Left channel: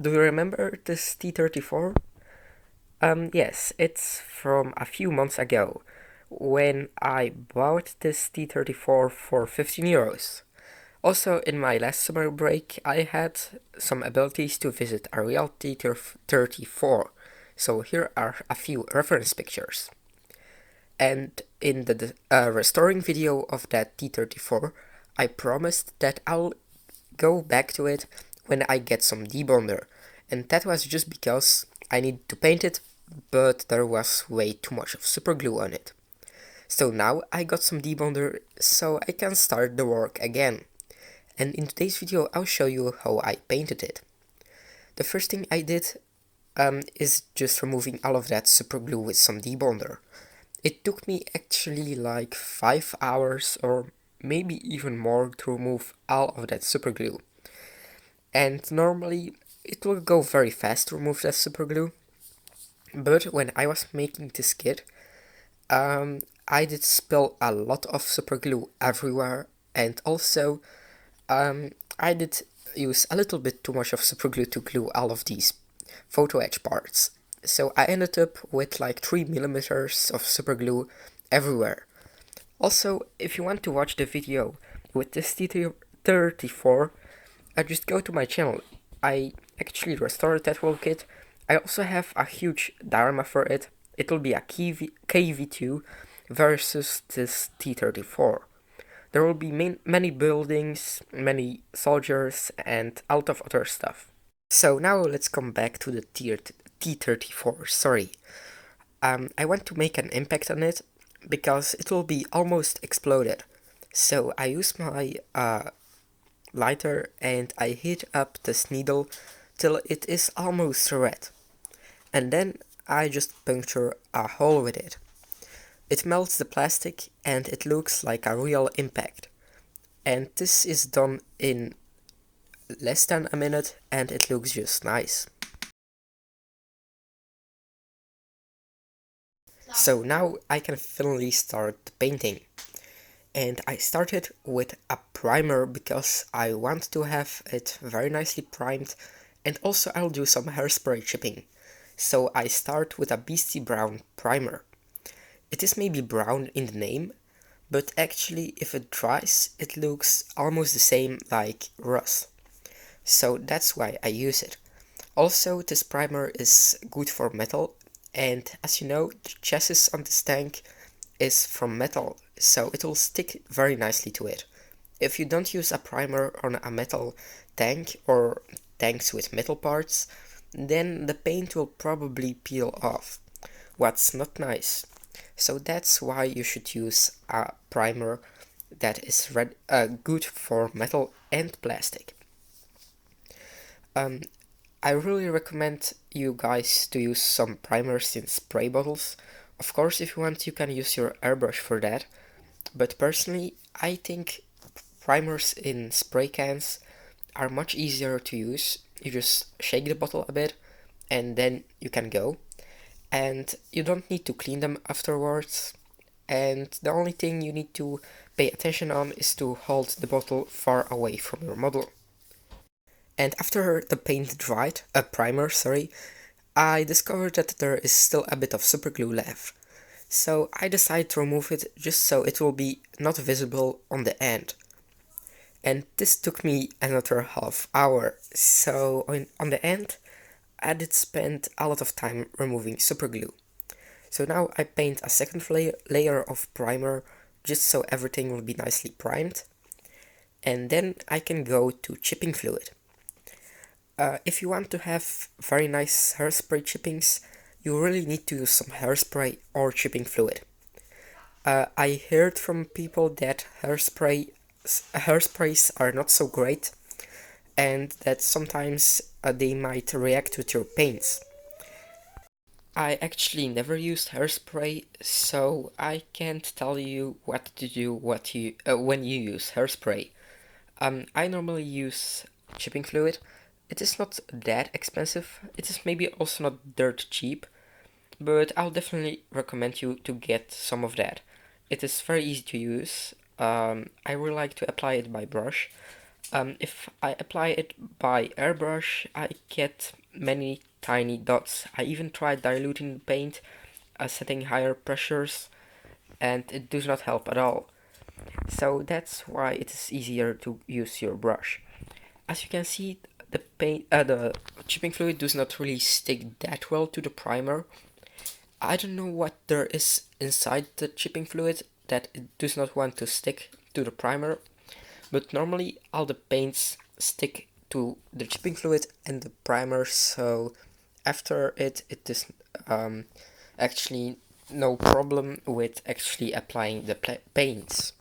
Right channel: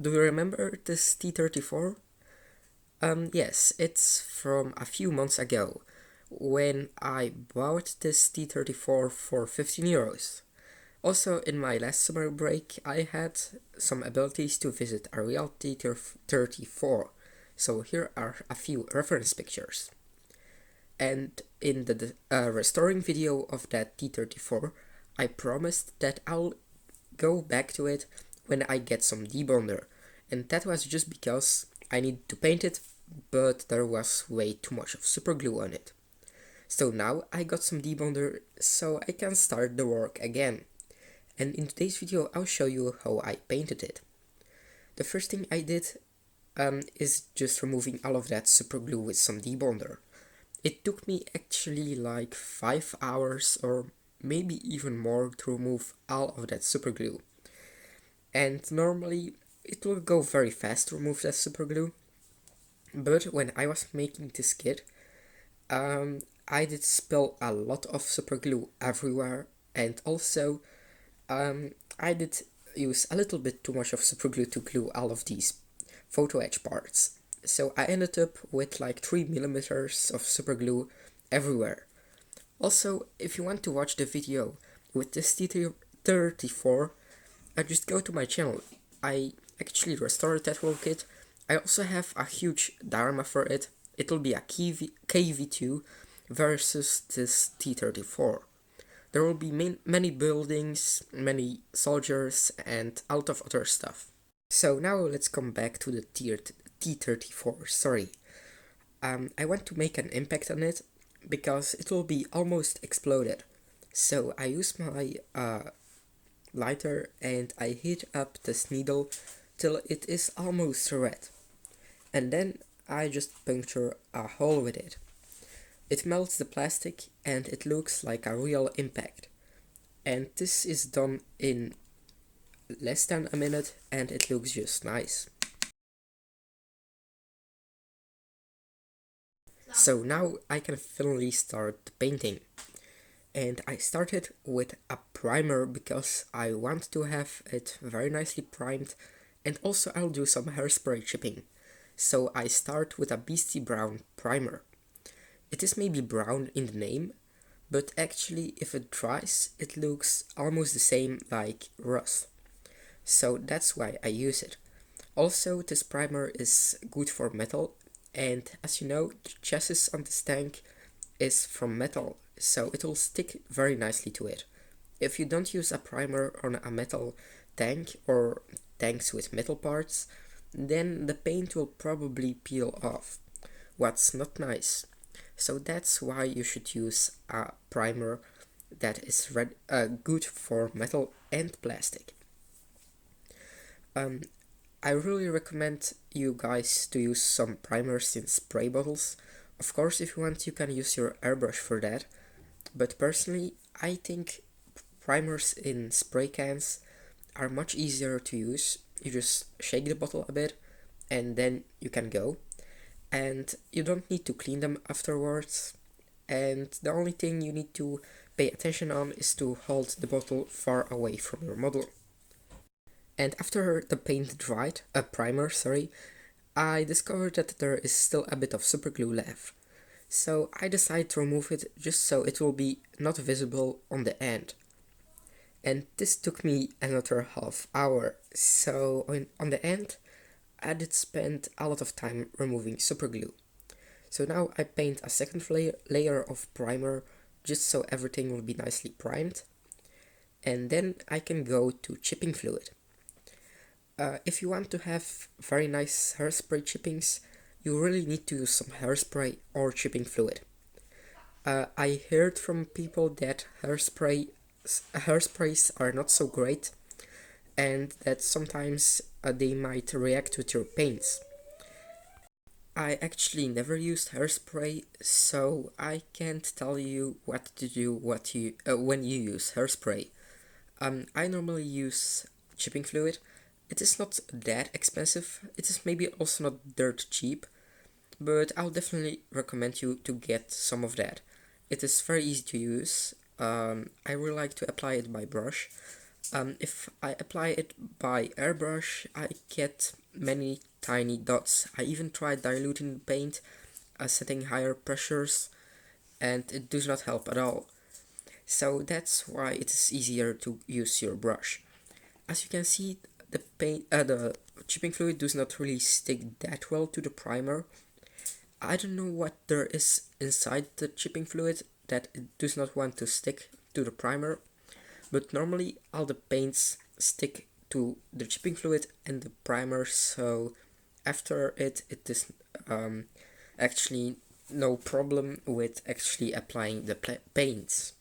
Do you remember this T34? Yes, it's from a few months ago, when I bought this T34 for 15 euros. Also, in my last summer break, I had some abilities to visit a real T34, so here are a few reference pictures. And in the restoring video of that T34, I promised that I'll go back to it when I get some debonder, and that was just because I needed to paint it, but there was way too much of super glue on it. So now I got some debonder, so I can start the work again. And in today's video I'll show you how I painted it. The first thing I did is just removing all of that super glue with some debonder. It took me actually like 5 hours or maybe even more to remove all of that super glue. And normally it will go very fast to remove that super glue, but when I was making this kit, I did spill a lot of super glue everywhere, and also I did use a little bit too much of super glue to glue all of these photo etch parts. So I ended up with like 3 millimeters of super glue everywhere. Also, if you want to watch the video with this T34, just go to my channel. I actually restored that whole kit. I also have a huge diorama for it. It'll be a KV2 versus this T34. There will be many buildings, many soldiers, and a lot of other stuff. So now let's come back to the T34, sorry. I want to make an impact on it, because it will be almost exploded. So I use my lighter and I heat up this needle till it is almost red. And then I just puncture a hole with it. It melts the plastic and it looks like a real impact. And this is done in less than a minute and it looks just nice. So now I can finally start painting. And I started with a primer because I want to have it very nicely primed, and also I'll do some hairspray chipping. So I start with a Beastie Brown primer. It is maybe brown in the name, but actually if it dries it looks almost the same like rust. So that's why I use it. Also, this primer is good for metal, and as you know, the chassis on this tank is from metal, so it will stick very nicely to it. If you don't use a primer on a metal tank or tanks with metal parts, then the paint will probably peel off, what's not nice. So that's why you should use a primer that is good for metal and plastic. I really recommend you guys to use some primers in spray bottles. Of course, if you want, you can use your airbrush for that. But personally, I think primers in spray cans are much easier to use. You just shake the bottle a bit and then you can go. And you don't need to clean them afterwards. And the only thing you need to pay attention on is to hold the bottle far away from your model. And after the paint dried, primer, sorry, I discovered that there is still a bit of superglue left. So I decided to remove it just so it will be not visible on the end. And this took me another half hour. So on the end, I did spend a lot of time removing superglue. So now I paint a second layer of primer just so everything will be nicely primed. And then I can go to chipping fluid. If you want to have very nice hairspray chippings, you really need to use some hairspray or chipping fluid. I heard from people that hairsprays are not so great, and that sometimes they might react with your paints. I actually never used hairspray, so I can't tell you what to do when you use hairspray. I normally use chipping fluid. It is not that expensive, it is maybe also not dirt cheap, but I'll definitely recommend you to get some of that. It is very easy to use. I really like to apply it by brush. If I apply it by airbrush, I get many tiny dots. I even tried diluting the paint, setting higher pressures, and it does not help at all. So that's why it is easier to use your brush. As you can see, the chipping fluid does not really stick that well to the primer. I don't know what there is inside the chipping fluid that it does not want to stick to the primer, but normally all the paints stick to the chipping fluid and the primer, so after it is actually no problem with actually applying the paints.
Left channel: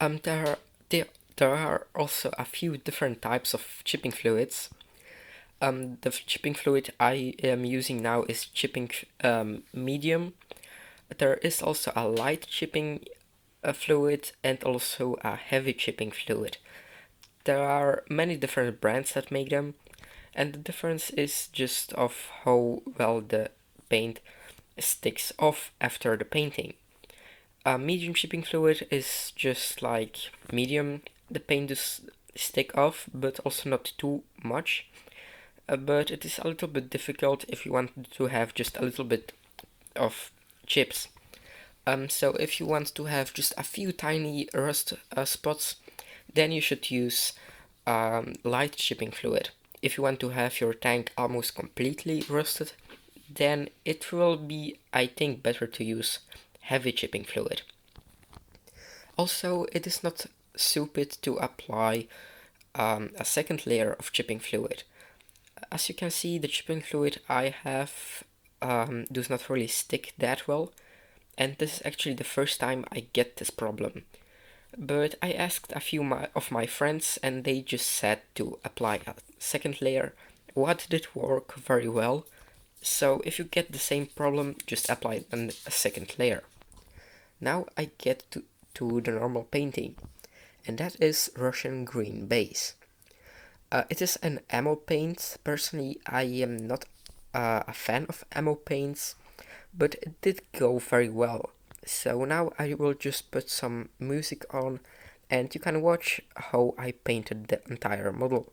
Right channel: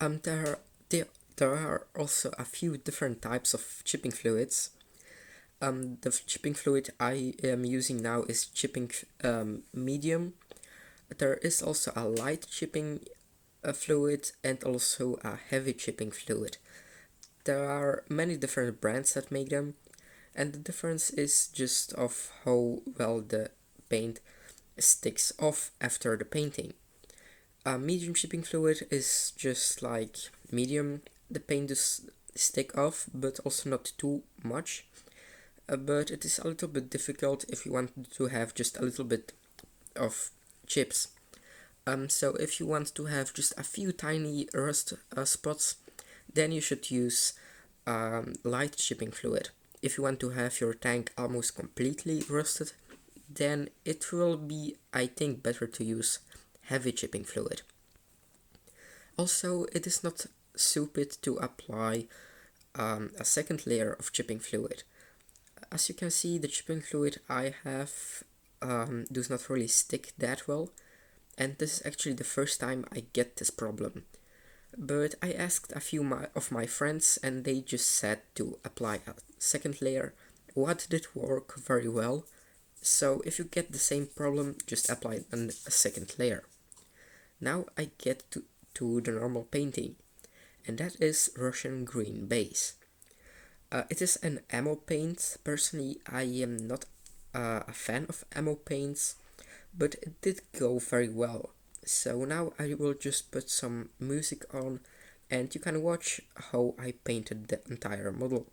There are, there are also a few different types of chipping fluids. The chipping fluid I am using now is chipping medium. There is also a light chipping fluid and also a heavy chipping fluid. There are many different brands that make them, and the difference is just of how well the paint sticks off after the painting. Medium chipping fluid is just like medium. The paint does stick off, but also not too much. But it is a little bit difficult if you want to have just a little bit of chips. So if you want to have just a few tiny rust spots, then you should use light chipping fluid. If you want to have your tank almost completely rusted, then it will be, I think, better to use heavy chipping fluid. Also, it is not stupid to apply a second layer of chipping fluid. As you can see, the chipping fluid I have does not really stick that well, and this is actually the first time I get this problem. But I asked a few of my friends and they just said to apply a second layer. What did work very well? So if you get the same problem, just apply a second layer. Now I get to the normal painting, and that is Russian green base. It is an ammo paint. Personally, I am not a fan of ammo paints, but it did go very well. So now I will just put some music on and you can watch how I painted the entire model.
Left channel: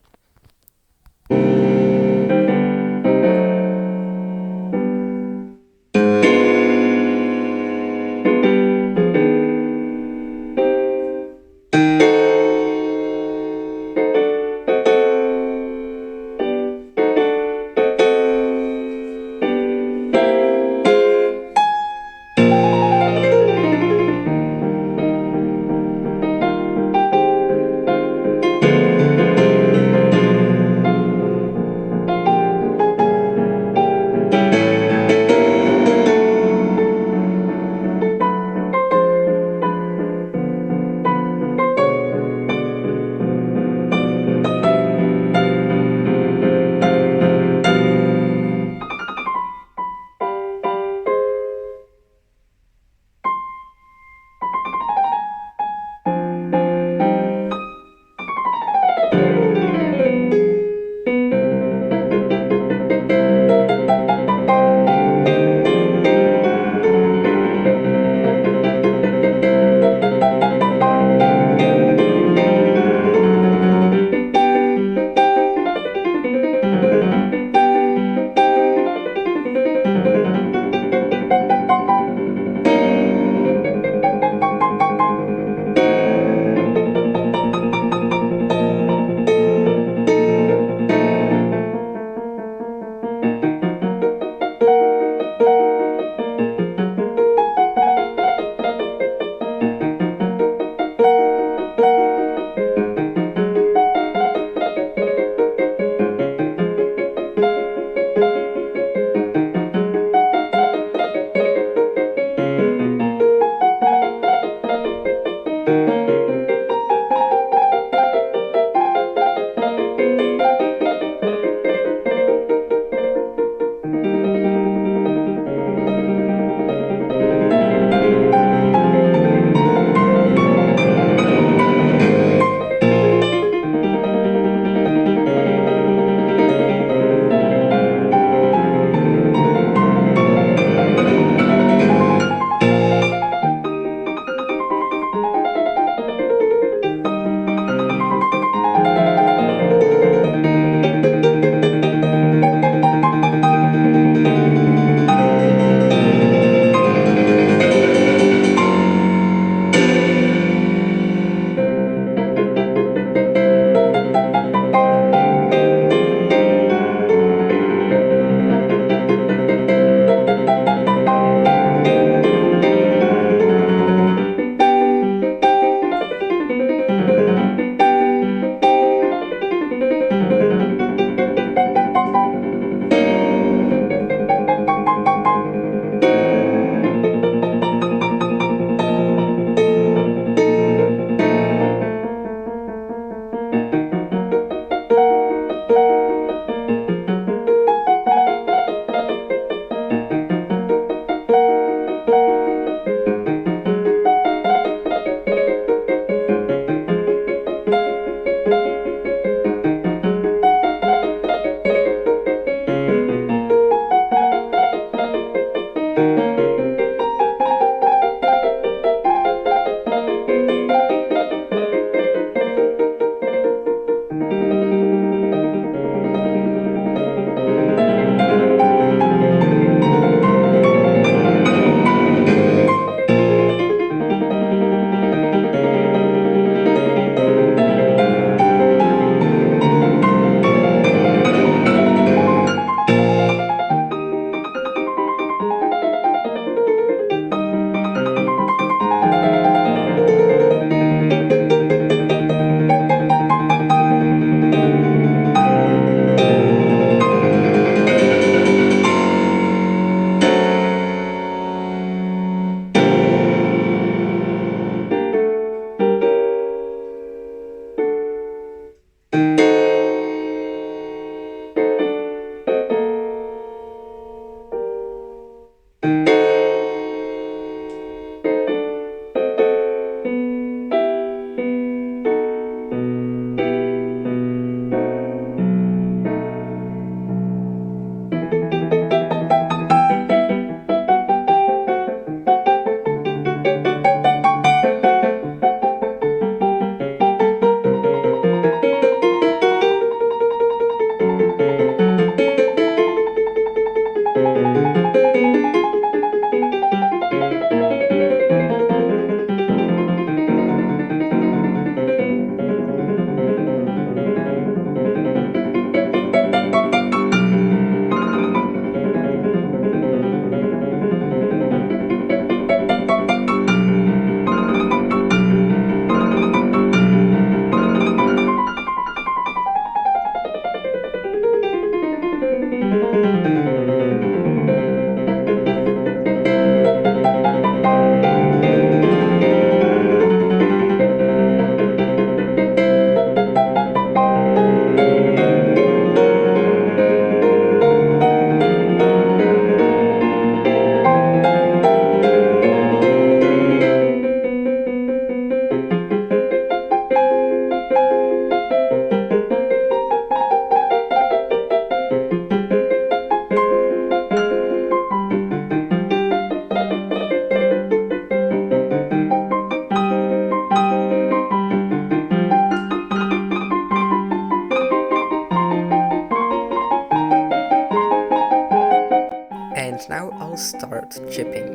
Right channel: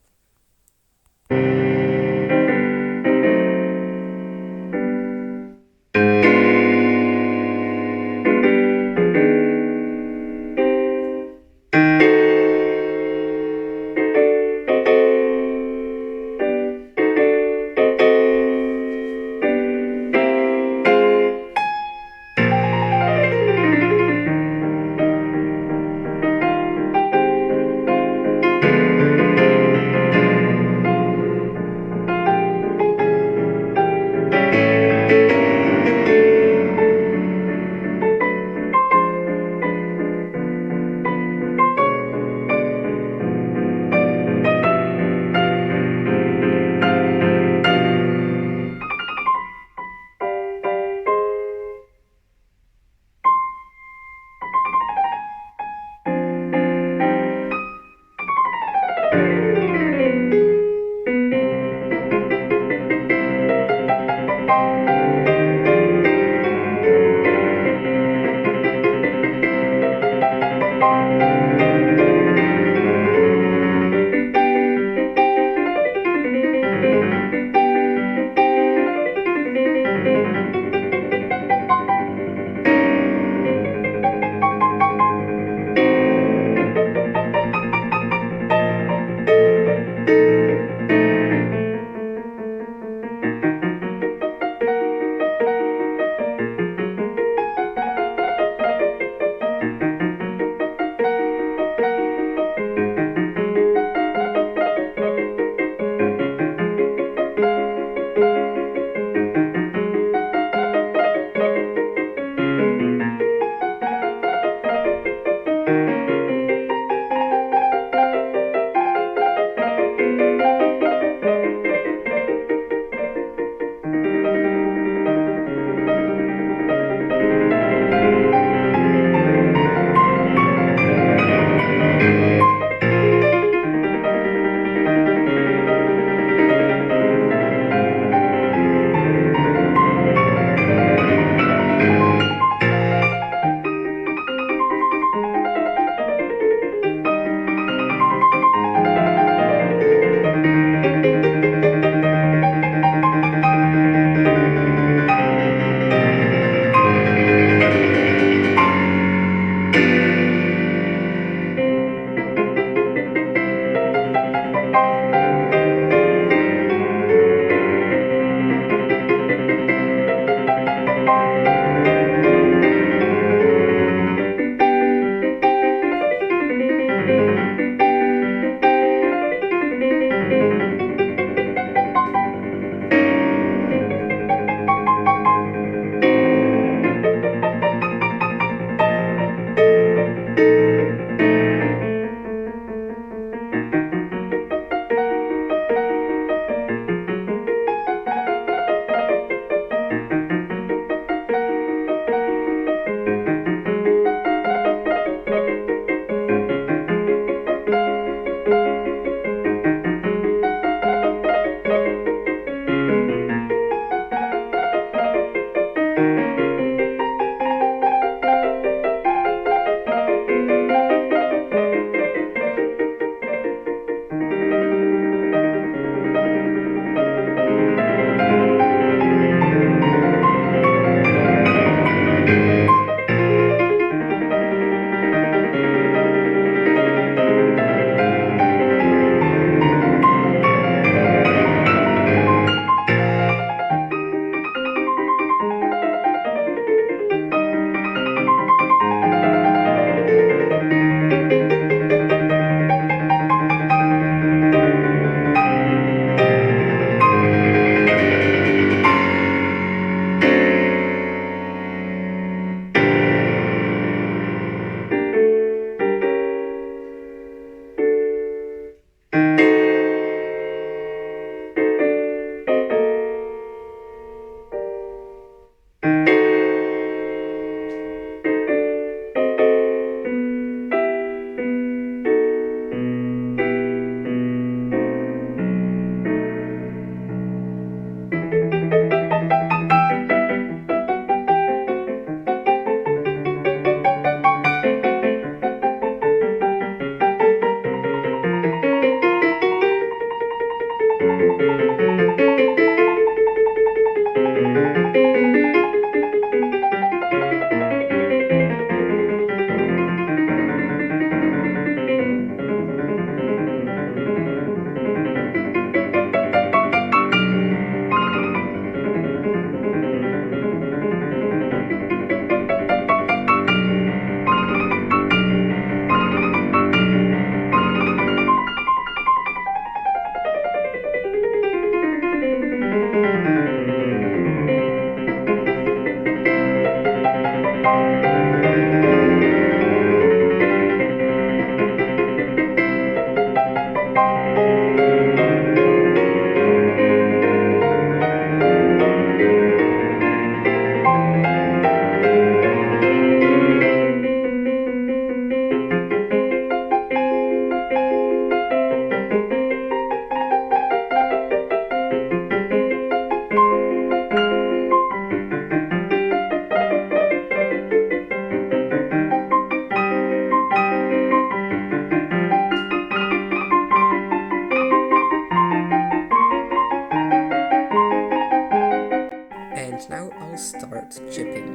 And now I'll start chipping.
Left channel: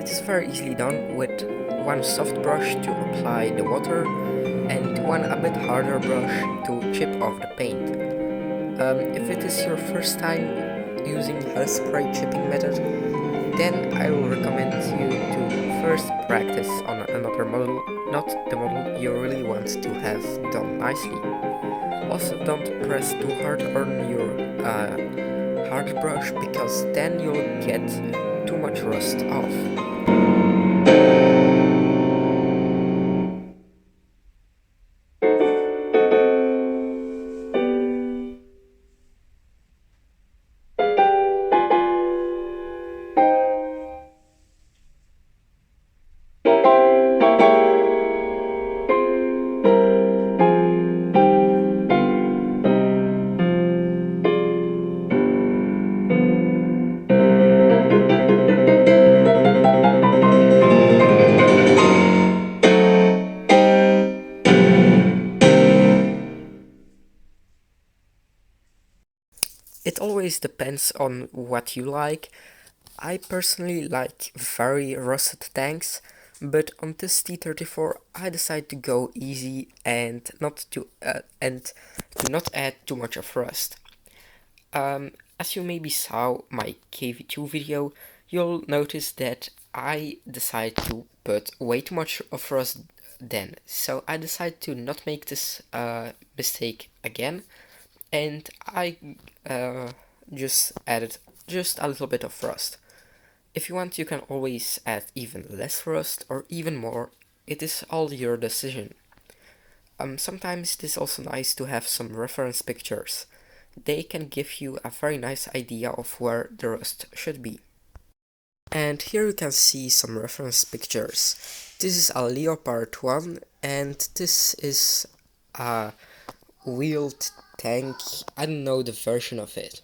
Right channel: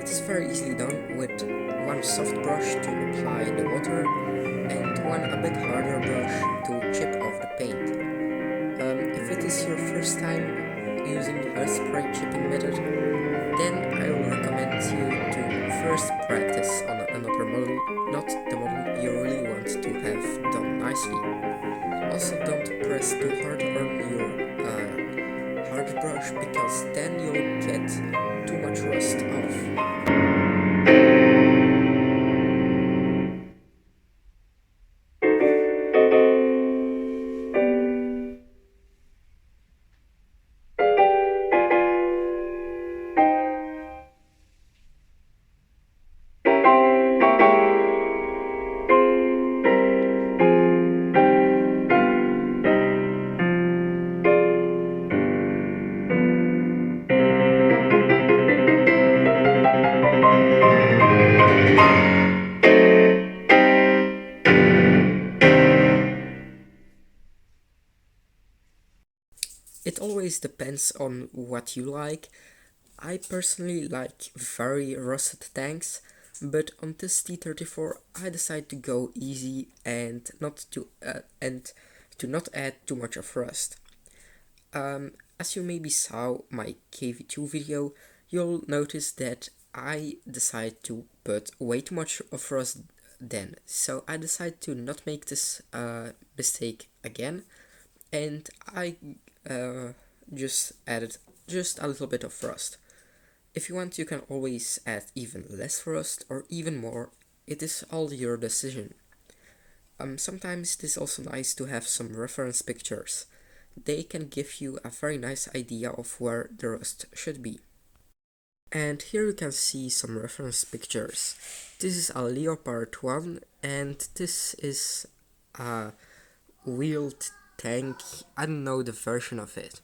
It is very easily done with one soft brush to apply the water and one a bit harder brush to chip off the paint. If it is your first time using hairspray chipping method, then I will recommend you to first practice on another model, not the model you really want to have done nicely. Also, don't press too hard on your hard brush, because then you'll get too much rust off. It always depends on what you like. I personally like very rusted tanks, but on this T34 I decided to go easy and to not add too much of rust. As you maybe saw my KV2 video, you'll notice that I decided to put way too much of rust then, so I decided to not make this mistake again, and I just added just a little bit of rust. If you want, you can always add even less rust or even more. It is all your decision. Sometimes it is also nice to have some reference pictures. They can give you a very nice idea of where the rust should be. And here you can see some reference pictures. This is a Leopard 1 and this is a wheeled tank. I don't know the version of it.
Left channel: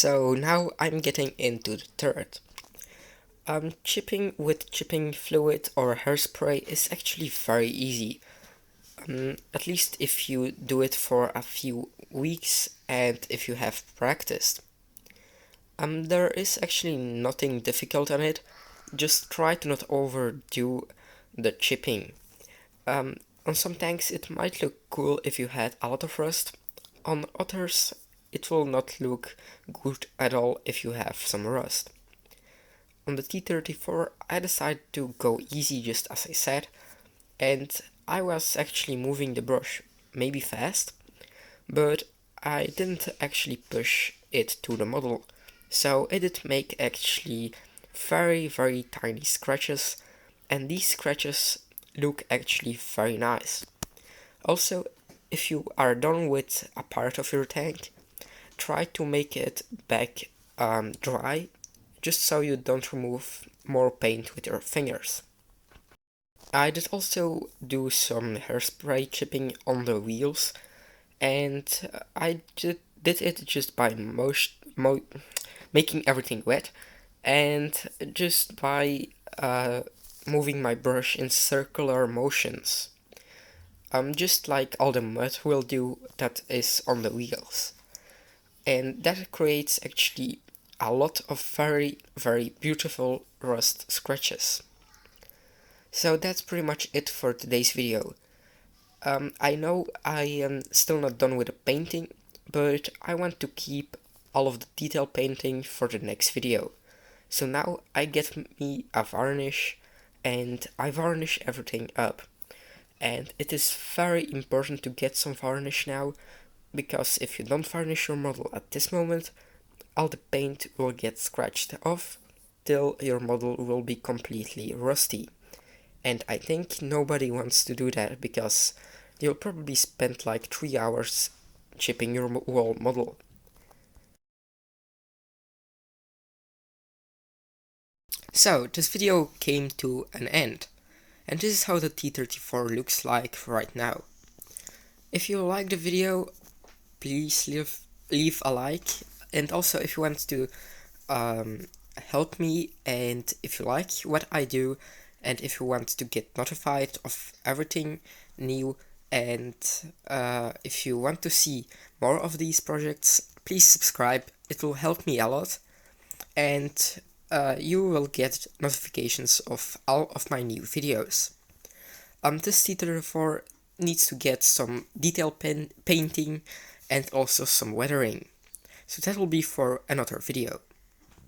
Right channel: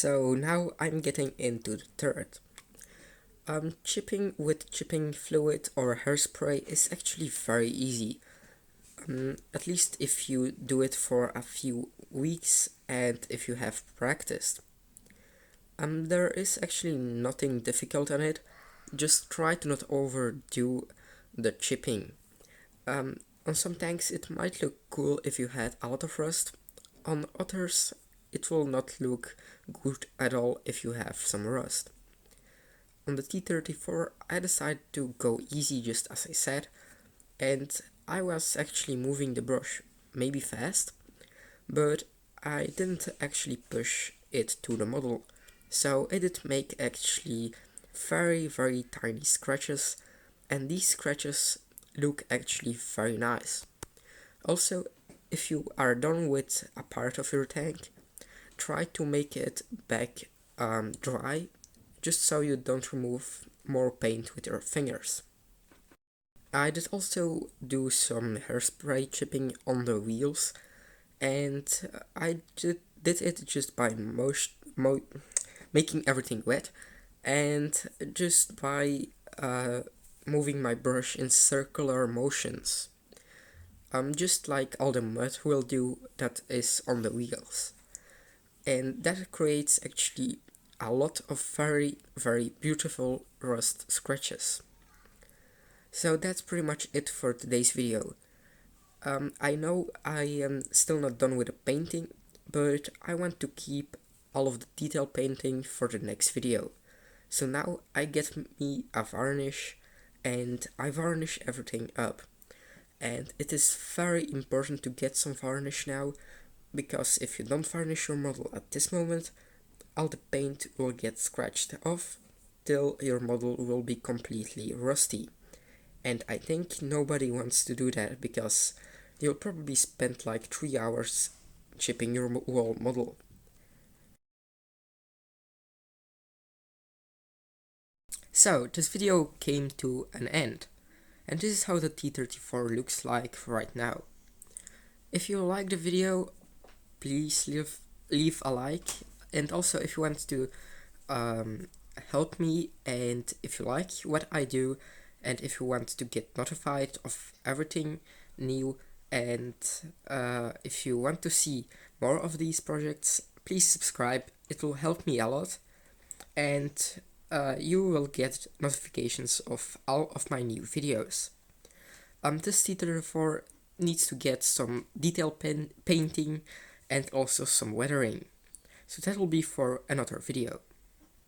So now I'm getting into the third. Chipping with chipping fluid or hairspray is actually very easy. At least if you do it for a few weeks and if you have practiced. There is actually nothing difficult on it. Just try to not overdo the chipping. On some tanks it might look cool if you had a lot of rust. On others it will not look good at all if you have some rust. On the T34 I decided to go easy, just as I said, and I was actually moving the brush, maybe fast, but I didn't actually push it to the model, so it did make actually very tiny scratches, and these scratches look actually very nice. Also, if you are done with a part of your tank, try to make it back dry, just so you don't remove more paint with your fingers. I did also do some hairspray chipping on the wheels, and I did it just by making everything wet, and just by moving my brush in circular motions, just like all the mud will do that is on the wheels. And that creates actually a lot of very beautiful rust scratches. So that's pretty much it for today's video. I know I am still not done with the painting, but I want to keep all of the detail painting for the next video. So now I get me a varnish and I varnish everything up. And it is very important to get some varnish now, because if you don't varnish your model at this moment, all the paint will get scratched off till your model will be completely rusty. And I think nobody wants to do that, because you'll probably spend like 3 hours chipping your whole model. So this video came to an end, and this is how the T34 looks like right now. If you like the video, please leave a like, and also if you want to help me, and if you like what I do, and if you want to get notified of everything new, and if you want to see more of these projects, please subscribe. It will help me a lot, and you will get notifications of all of my new videos. This T34 needs to get some detail painting and also some weathering, so that will be for another video.